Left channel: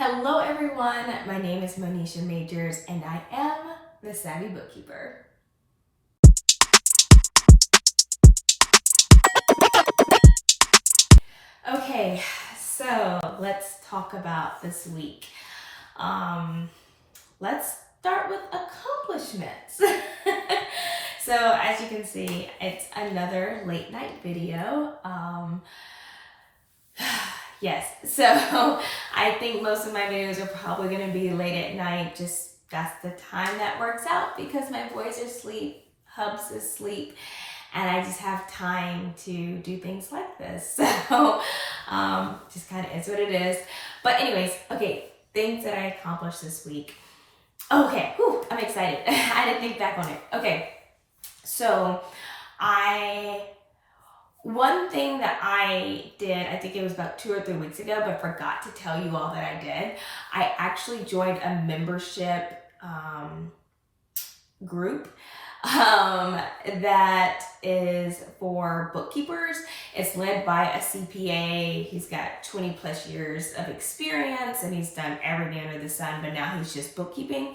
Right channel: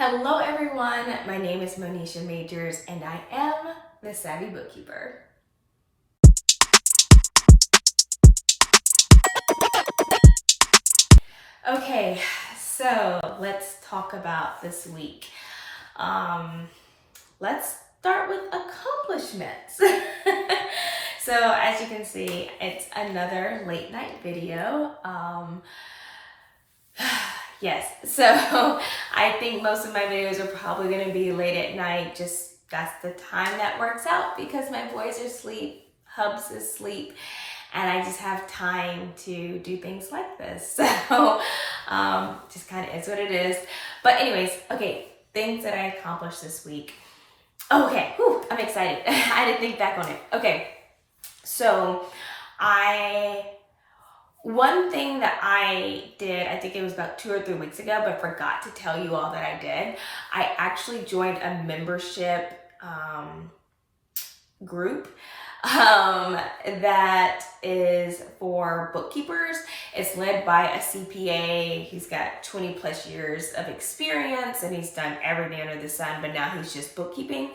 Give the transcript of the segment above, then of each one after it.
Hello everyone, my name is Monisha Majors and I am the Savvy Bookkeeper. Okay, so let's talk about this week. Let's start with accomplishments. So as you can see, it's another late night video. Yes, so I think most of my videos are probably going to be late at night. Just that's the time that works out because my boys are asleep, Hubs is asleep, and I just have time to do things like this. So just kind of is what it is. But anyways, okay, things that I accomplished this week. Okay, I'm excited. I had to think back on it. Okay, so one thing that I did, I think it was about 2 or 3 weeks ago, but forgot to tell you all that I did. I actually joined a membership group that is for bookkeepers. It's led by a CPA. He's got 20 plus years of experience and he's done everything under the sun, but now he's just bookkeeping.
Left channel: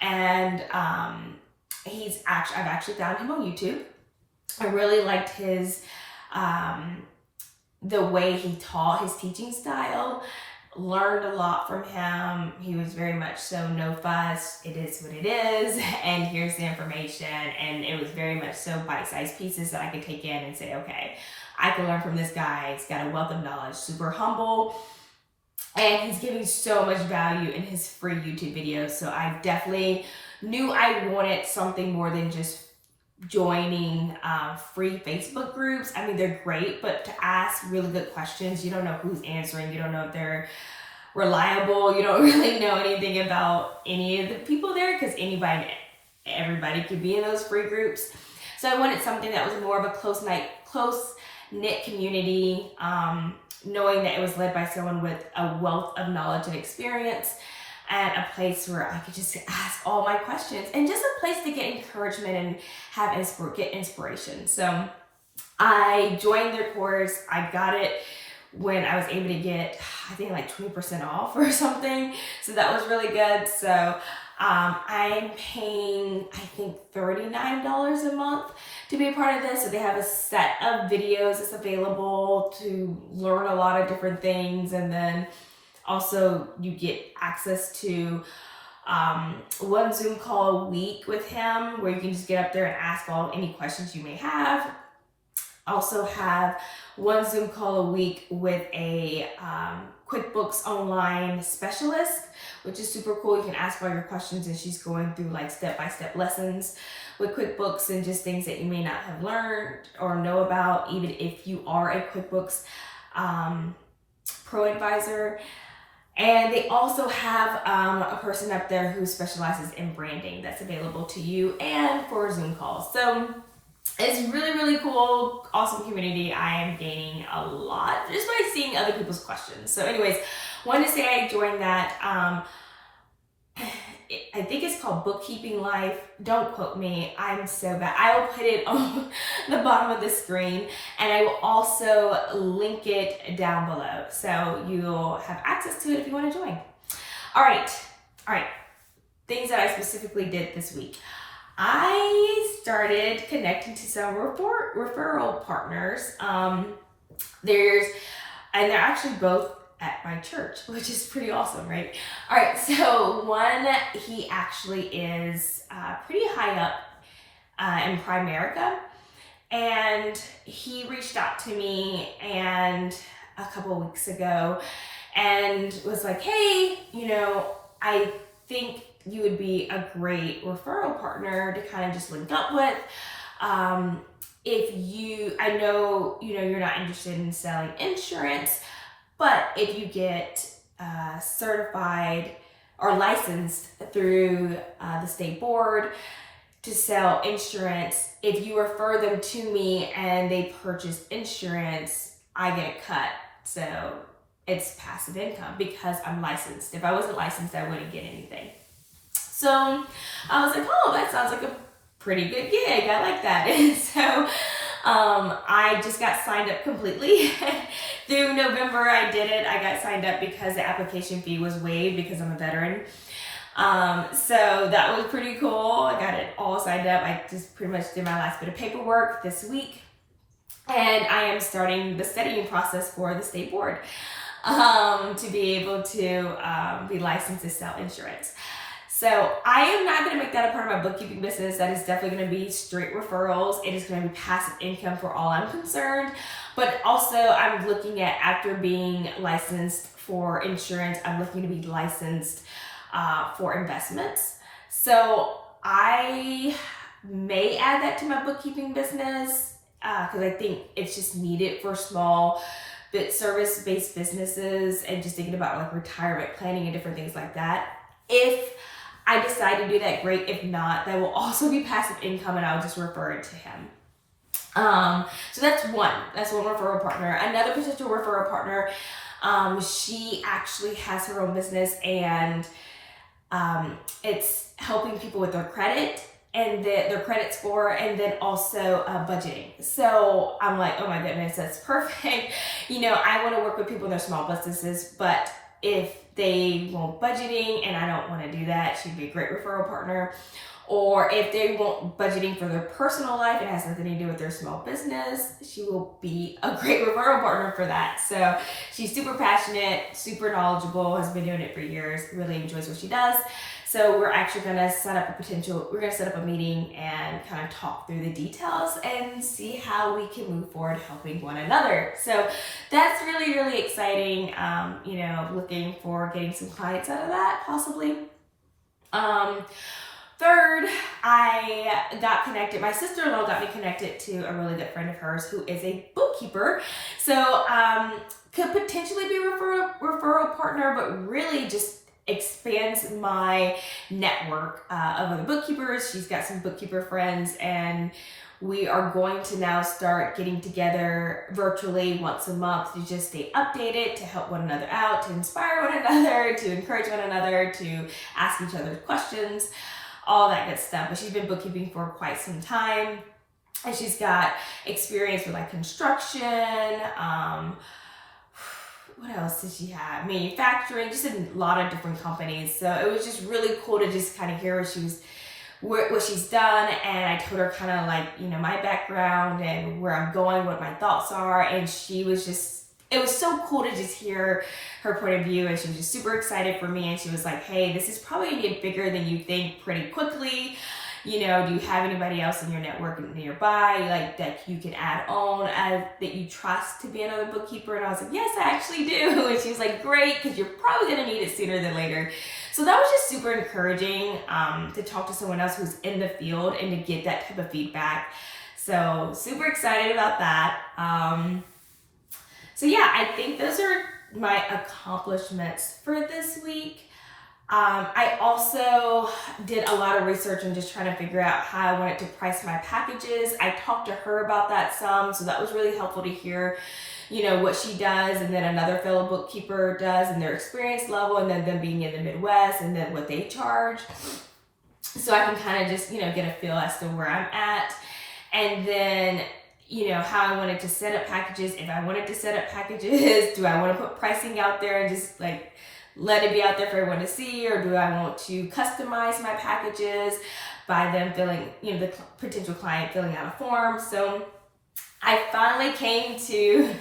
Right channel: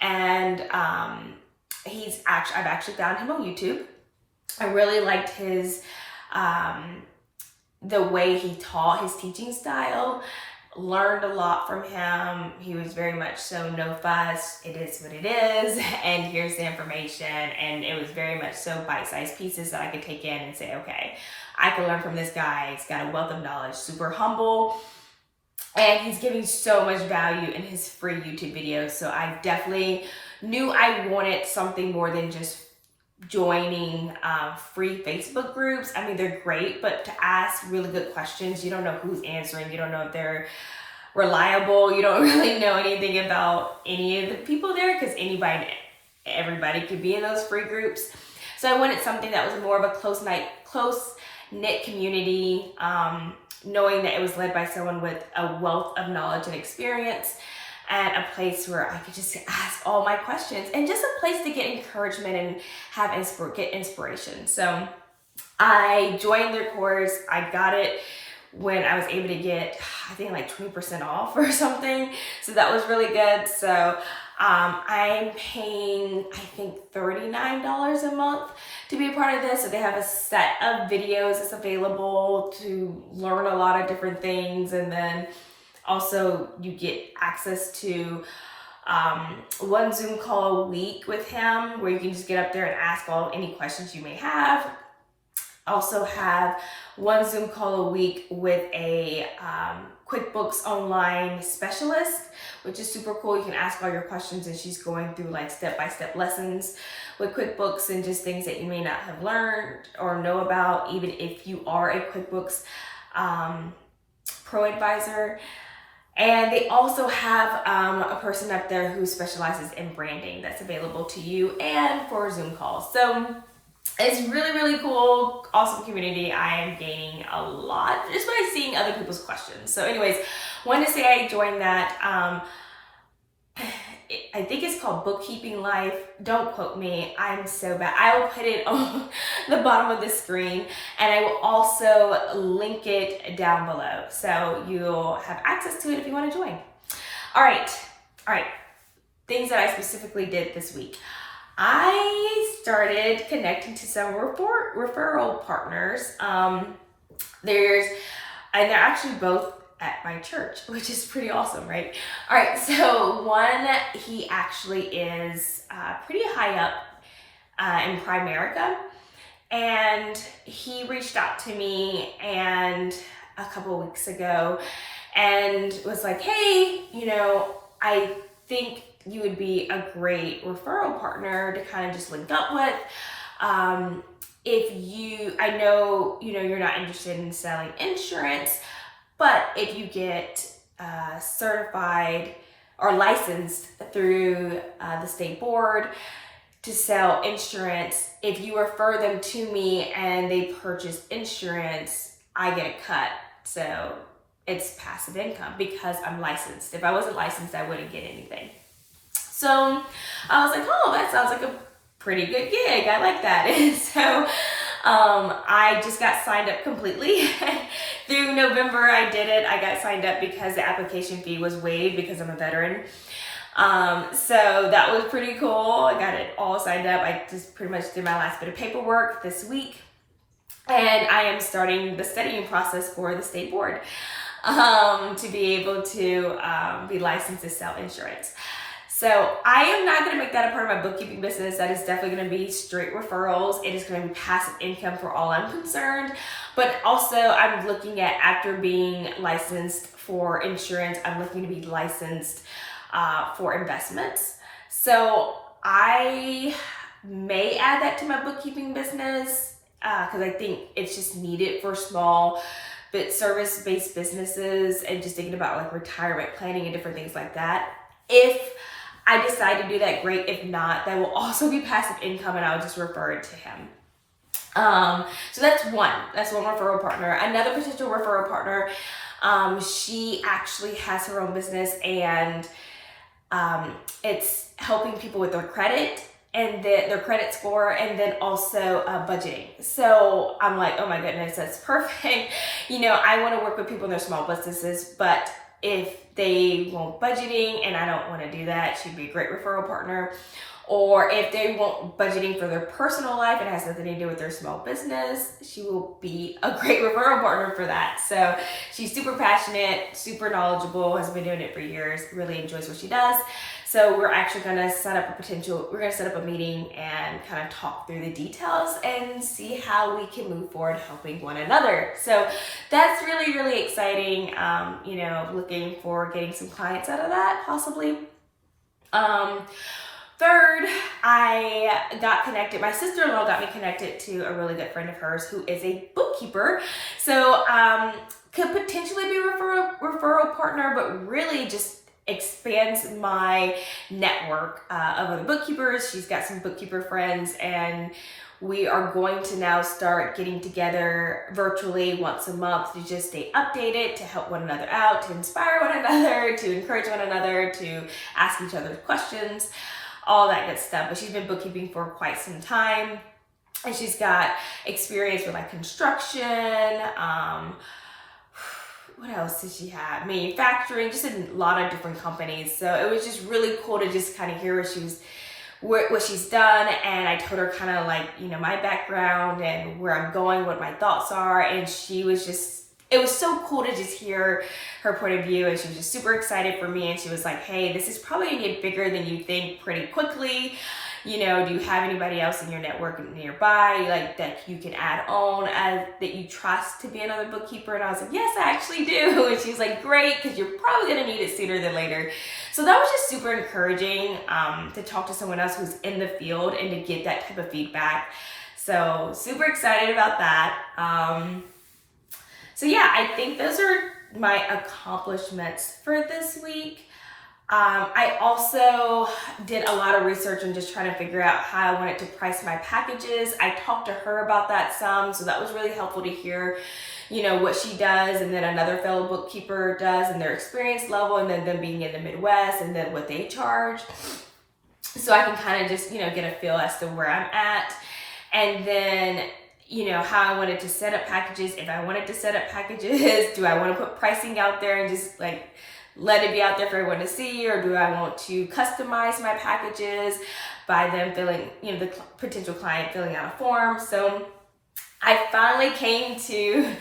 And I've actually found him on YouTube. I really liked his the way he taught, his teaching style. Learned a lot from him. He was very much so no fuss, it is what it is, and here's the information. And it was very much so bite-sized pieces that I could take in and say, okay, I can learn from this guy. He's got a wealth of knowledge, super humble, and he's giving so much value in his free YouTube videos. So I definitely knew I wanted something more than just joining free Facebook groups. I mean, they're great, but to ask really good questions, you don't know who's answering, you don't know if they're reliable, you don't really know anything about any of the people there because everybody could be in those free groups. So I wanted something that was more of a close-knit community, knowing that it was led by someone with a wealth of knowledge and experience, and a place where I could just ask all my questions and just a place to get encouragement and get inspiration. So I joined their course. I got it when I was able to get, I think like 20% off or something. So that was really good. So I'm paying, I think $39 a month to be a part of this. So they have a set of videos that's available to learn a lot of different things. And then also, you get access to one Zoom call a week with him where you can just get up there and ask any questions you may have. Also have one Zoom call a week with a QuickBooks online specialist, which is super cool. You can ask all your questions and she's going through like step-by-step lessons with QuickBooks and just things that you may not have learned or know about, even if you are a QuickBooks Pro advisor. And they also have a person up there who specializes in branding that's available to you and for Zoom calls. So it's really, really cool, awesome community. I am gaining a lot just by seeing other people's questions. So anyways, wanted to say I joined that. I think it's called Bookkeeping Life. Don't quote me. I'm so bad. I will put it on the bottom of the screen and I will also link it down below. So you'll have access to it if you want to join. All right. Things that I specifically did this week. I started connecting to some referral partners. They're actually both at my church, which is pretty awesome, right? All right, so one, he actually is pretty high up in Primerica, and he reached out to me and a couple of weeks ago and was like, hey, I think you would be a great referral partner to kind of just link up with. I know, you're not interested in selling insurance, but if you get certified or licensed through the state board to sell insurance, if you refer them to me and they purchase insurance, I get a cut. So it's passive income because I'm licensed. If I wasn't licensed, I wouldn't get anything. So I was like, oh, that sounds like a pretty good gig. I like that. And so I just got signed up completely. Through November I did it. I got signed up because the application fee was waived because I'm a veteran. So that was pretty cool. I got it all signed up. I just pretty much did my last bit of paperwork this week. And I am starting the studying process for the state board to be able to be licensed to sell insurance. So I am not going to make that a part of my bookkeeping business. That is definitely going to be straight referrals. It is going to be passive income for all I'm concerned. But also I'm looking at, after being licensed for insurance, I'm looking to be licensed for investments. So I may add that to my bookkeeping business because I think it's just needed for small but service-based businesses and just thinking about like retirement planning and different things like that. If I decide to do that, great. If not, that will also be passive income and I'll just refer it to him. So that's one referral partner. Another potential referral partner, she actually has her own business and it's helping people with their credit and their credit score, and then also budgeting. So I'm like, oh my goodness, that's perfect. I want to work with people in their small businesses, but if they want budgeting and I don't want to do that, she'd be a great referral partner. Or if they want budgeting for their personal life and it has nothing to do with their small business, she will be a great referral partner for that. So she's super passionate, super knowledgeable, has been doing it for years, really enjoys what she does. So we're actually going to set up a meeting and kind of talk through the details and see how we can move forward helping one another. So that's really, really exciting. Looking for getting some clients out of that possibly. Third, I got connected. My sister-in-law got me connected to a really good friend of hers who is a bookkeeper. So could potentially be a referral partner, but really just expands my network of other bookkeepers. She's got some bookkeeper friends, and we are going to now start getting together virtually once a month to just stay updated, to help one another out, to inspire one another, to encourage one another, to ask each other questions, all that good stuff. But she's been bookkeeping for quite some time, and she's got experience with like construction, what else did she have? Manufacturing, just a lot of different companies. So it was just really cool to just kind of hear what she's done. And I told her kind of like, my background and where I'm going, what my thoughts are. And it was so cool to just hear her point of view. And she was just super excited for me. And she was like, hey, this is probably gonna get bigger than you think pretty quickly. Do you have anybody else in your network nearby, like that you can add on that you trust to be another bookkeeper? And I was like, yes, I actually do. And she was like, great, because you're probably gonna need it sooner than later. So that was just super encouraging to talk to someone else who's in the field and to get that type of feedback. So super excited about that. So yeah, I think those are my accomplishments for this week. I also did a lot of research and just trying to figure out how I wanted to price my packages. I talked to her about that some, so that was really helpful to hear, what she does and then another fellow bookkeeper does and their experience level, and then them being in the Midwest and then what they charge. So I can kind of just, get a feel as to where I'm at. And then, how I wanted to set up packages. If I wanted to set up packages, do I want to put pricing out there and just like let it be out there for everyone to see, or do I want to customize my packages by them filling, the potential client filling out a form? So I finally came to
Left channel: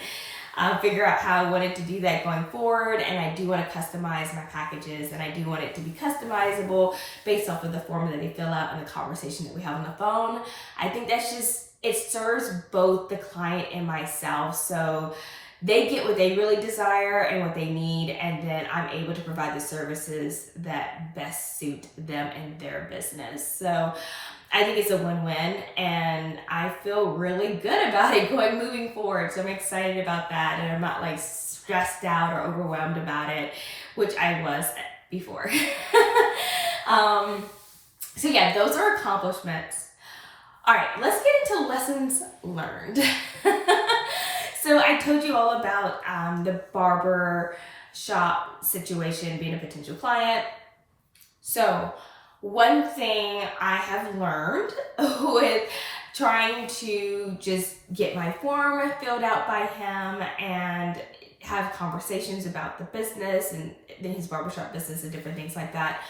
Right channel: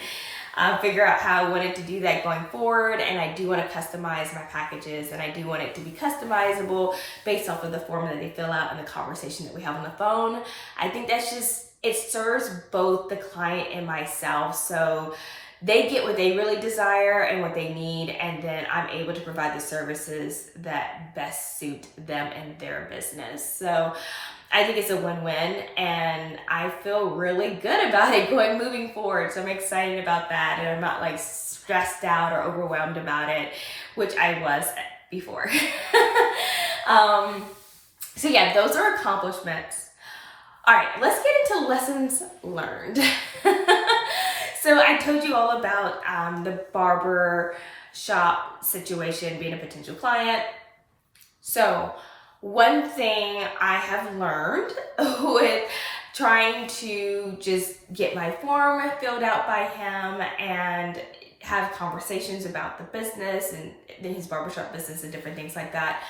figure out how I wanted to do that going forward, and I do want to customize my packages, and I do want it to be customizable based off of the form that they fill out and the conversation that we have on the phone. I think it serves both the client and myself, so they get what they really desire and what they need, and then I'm able to provide the services that best suit them and their business. So I think it's a win-win, and I feel really good about it moving forward. So I'm excited about that, and I'm not like stressed out or overwhelmed about it, which I was before. So yeah, those are accomplishments. All right, let's get into lessons learned. So I told you all about the barber shop situation, being a potential client. So one thing I have learned with trying to just get my form filled out by him and have conversations about the business and his barbershop business and different things like that,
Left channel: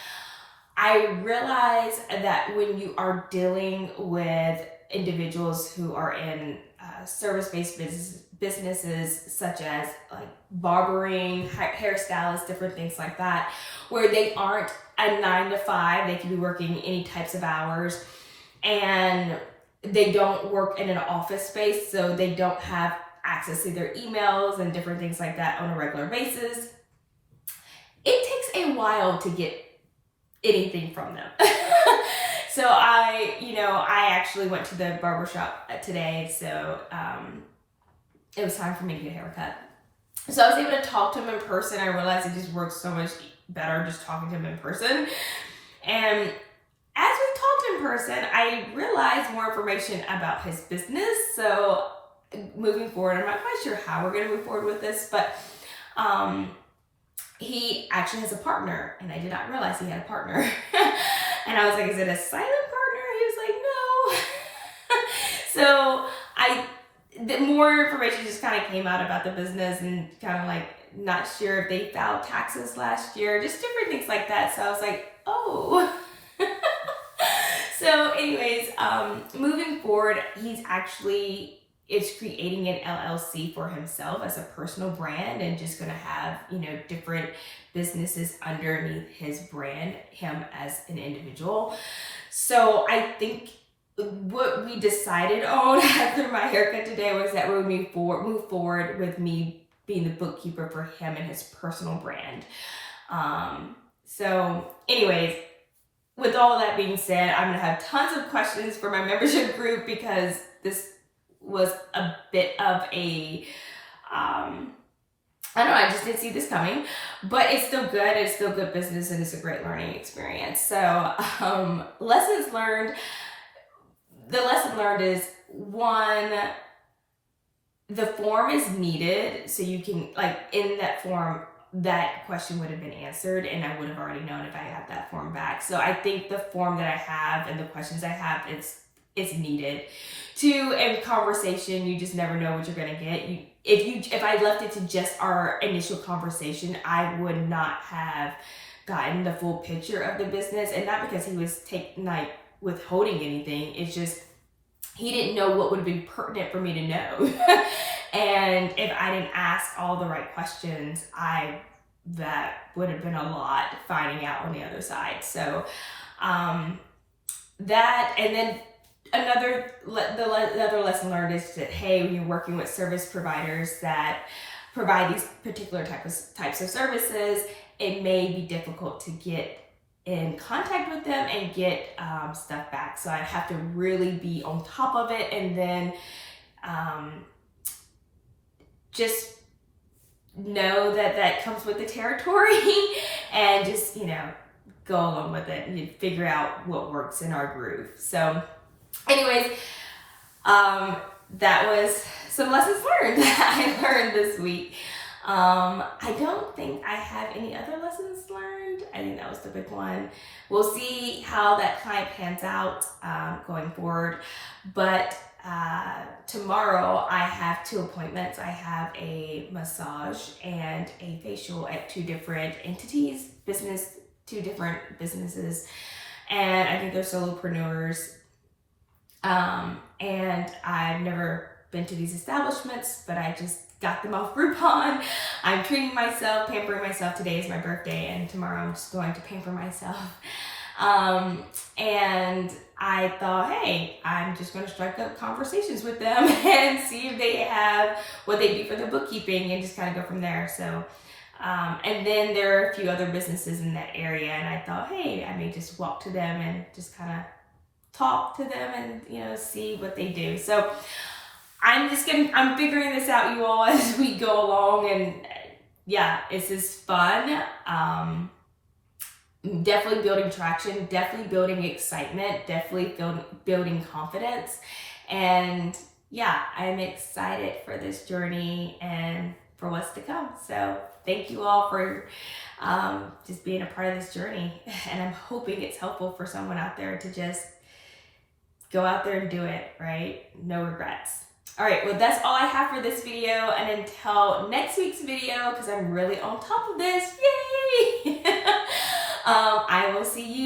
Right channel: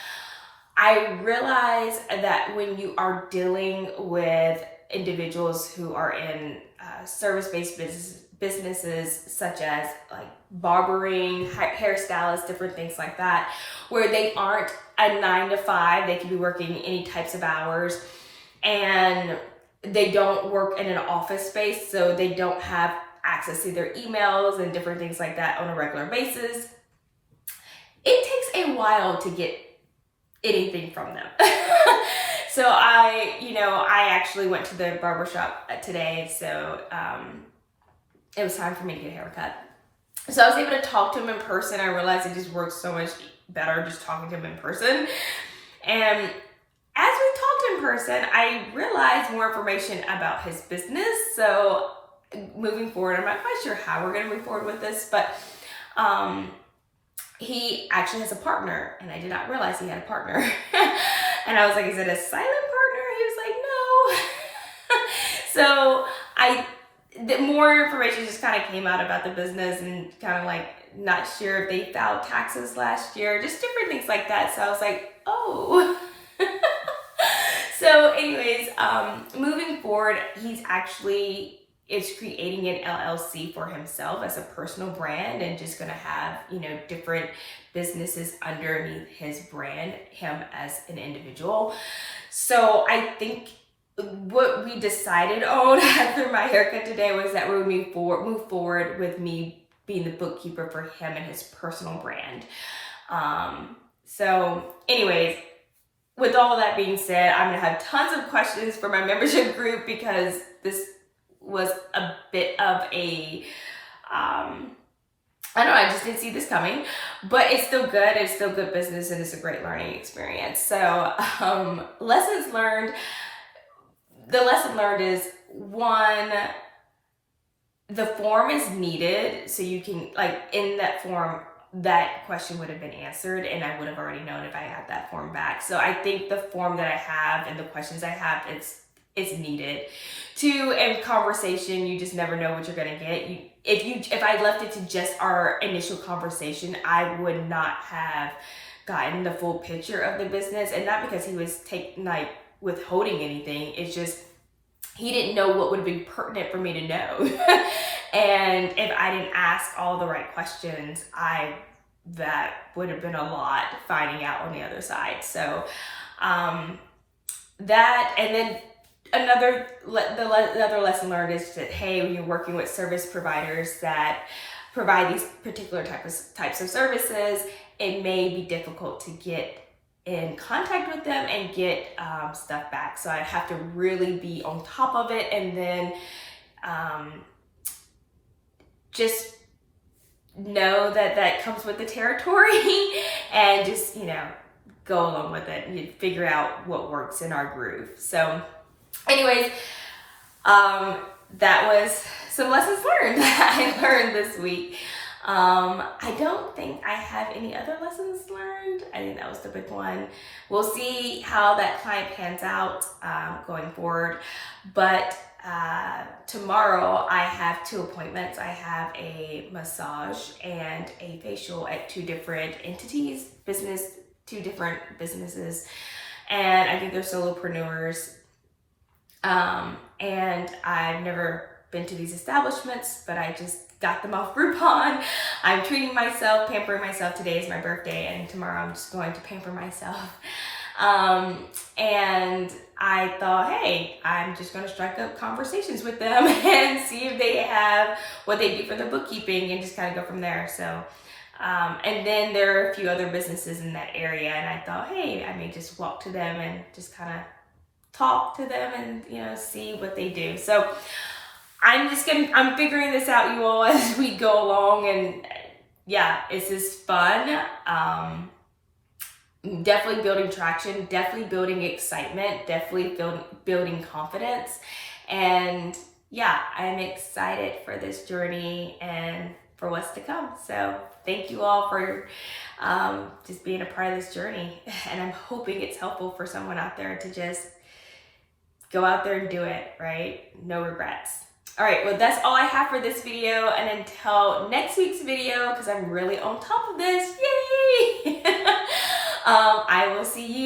I realize that when you are dealing with individuals who are in service-based businesses such as like barbering, hairstylists, different things like that, where they aren't a 9 to 5, they can be working any types of hours, and they don't work in an office space, so they don't have access to their emails and different things like that on a regular basis. It takes a while to get anything from them. So I actually went to the barbershop today, so it was time for me to get a haircut. So I was able to talk to him in person. I realized it just works so much better just talking to him in person. And as we talked in person, I realized more information about his business. So moving forward, I'm not quite sure how we're going to move forward with this, but he actually has a partner, and I did not realize he had a partner. And I was like, is it a silent partner? He was like, no. So the more information just kind of came out about the business, and kind of like not sure if they filed taxes last year, just different things like that. So I was like, oh. So anyways, moving forward, he's actually is creating an LLC for himself as a personal brand, and just going to have, different businesses underneath his brand, him as an individual. So I think what we decided on after my haircut today was that we would move forward with me being the bookkeeper for him and his personal brand. So anyways, with all of that being said, I'm going to have tons of questions for my membership group, because this was a bit of a, I don't know, I just didn't see this coming, but it's still good. It's still good business, and it's a great learning experience. So lessons learned. The lesson learned is, one, the form is needed, so you can, like, in that form, that question would have been answered, and I would have already known if I had that form back. So I think the form that I have and the questions I have, it's needed. Two, in conversation, you just never know what you're gonna get. If I left it to just our initial conversation, I would not have gotten the full picture of the business, and not because he was withholding anything. It's just he didn't know what would be pertinent for me to know. And if I didn't ask all the right questions, that would have been a lot finding out on the other side. So that, and then the other lesson learned is that, hey, when you're working with service providers that provide these particular types of services, it may be difficult to get in contact with them and get stuff back. So I have to really be on top of it, and then just know that comes with the territory, and just, go along with it and figure out what works in our groove. So anyways, that was some lessons learned that I learned this week. I don't think I have any other lessons learned. I think that was the big one. We'll see how that client pans out going forward. But tomorrow I have 2 appointments. I have a massage and a facial at 2 different entities, 2 different businesses. And I think they're solopreneurs. And I've never been to these establishments, but I just got them off Groupon. I'm treating myself, pampering myself. Today is my birthday, and tomorrow I'm just going to pamper myself. And I thought, hey, I'm just going to strike up conversations with them and see if they have what they do for their bookkeeping, and just kind of go from there. So, and then there are a few other businesses in that area, and I thought, hey, I may just walk to them and just kind of talk to them and, see what they do. So I'm figuring this out, you all, as we go along, and yeah, it's just fun. Definitely building traction, definitely building excitement, definitely building confidence. And yeah, I'm excited for this journey and for what's to come. So thank you all for just being a part of this journey. And I'm hoping it's helpful for someone out there to just go out there and do it, right? No regrets. All right, well, that's all I have for this video. And until next week's video, because I'm really on top of this, yay! I will see you